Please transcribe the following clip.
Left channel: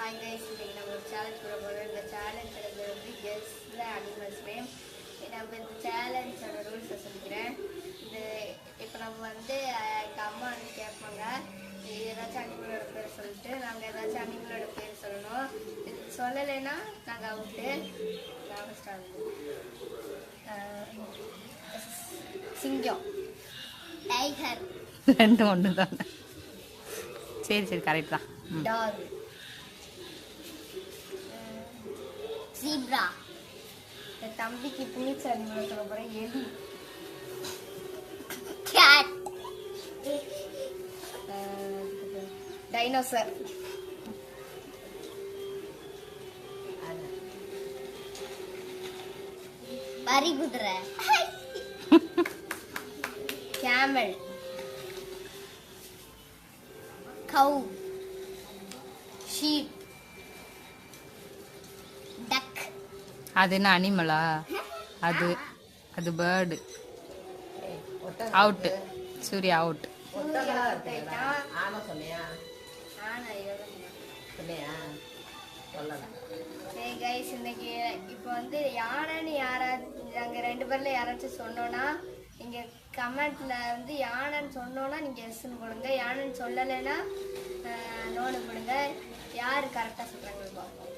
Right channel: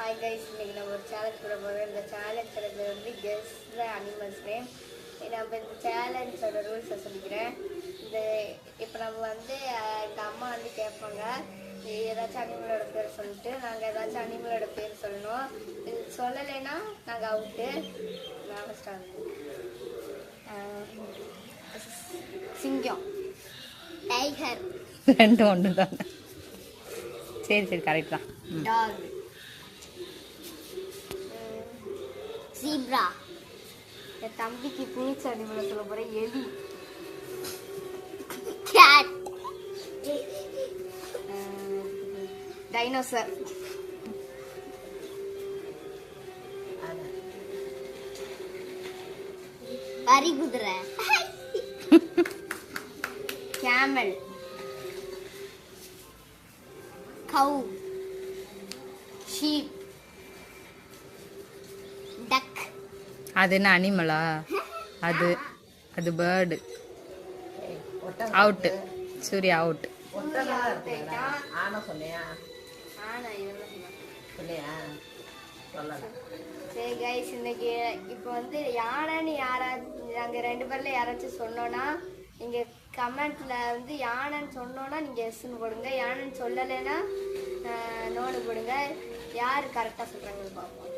Hi guys, இன்னைக்கு நம்ம ஒரு சேலஞ்ச் பண்ண போகிறோம். இந்த சேலஞ்சோட வந்து கெஸ் த அனிமல்ஸ் நேம். நம்ம இந்த சேலஞ்சோட ரூல்ஸை சொல்லிக்கிறேன். இப்போ நம்ம வந்து எங்கள் அம்மா வந்து கேட்பாங்க, ஏதாச்சும் அனிமலோட பேர் சொல்லிட்டு நாங்கள் ஏதாச்சும் அனிமலோட பேர் சொல்லணும். சொல்லலைன்னா நாங்கள் அவுட்டு. நாங்கள் ஸ்டார்ட். சிங்கம், டைகர், ரெண்டு ஒன்று தான். சரி சரி கரெக்ட் தான். Talk, zebra. என் தம்பிக்கு பிடிச்ச அனிமல் சொல்ல போகிறேன், எலி, கேட், டைனோசர், பரிகுதிரை, கேமல், கவு, ஷீப், டக். அது என்ன அனிமலா? அது அது பேர்டு. அவுட்டு. சூர்யா அவுட். இன்னைக்கு இப்போ வந்து யானைன்னு நாங்கள் ரெண்டு பேர்ல யாராச்சும் சொன்னோன்னா நீங்க கமெண்ட்ல வந்து யானைன்னு சொன்னோன்னா நீங்க எஸ்ன்னு கொடுங்க, யானைன்னு சொல்லலைன்னா நோன்னு கொடுங்க. யார் கரெக்டாக சொல்றாங்கன்னு பார்ப்போம்.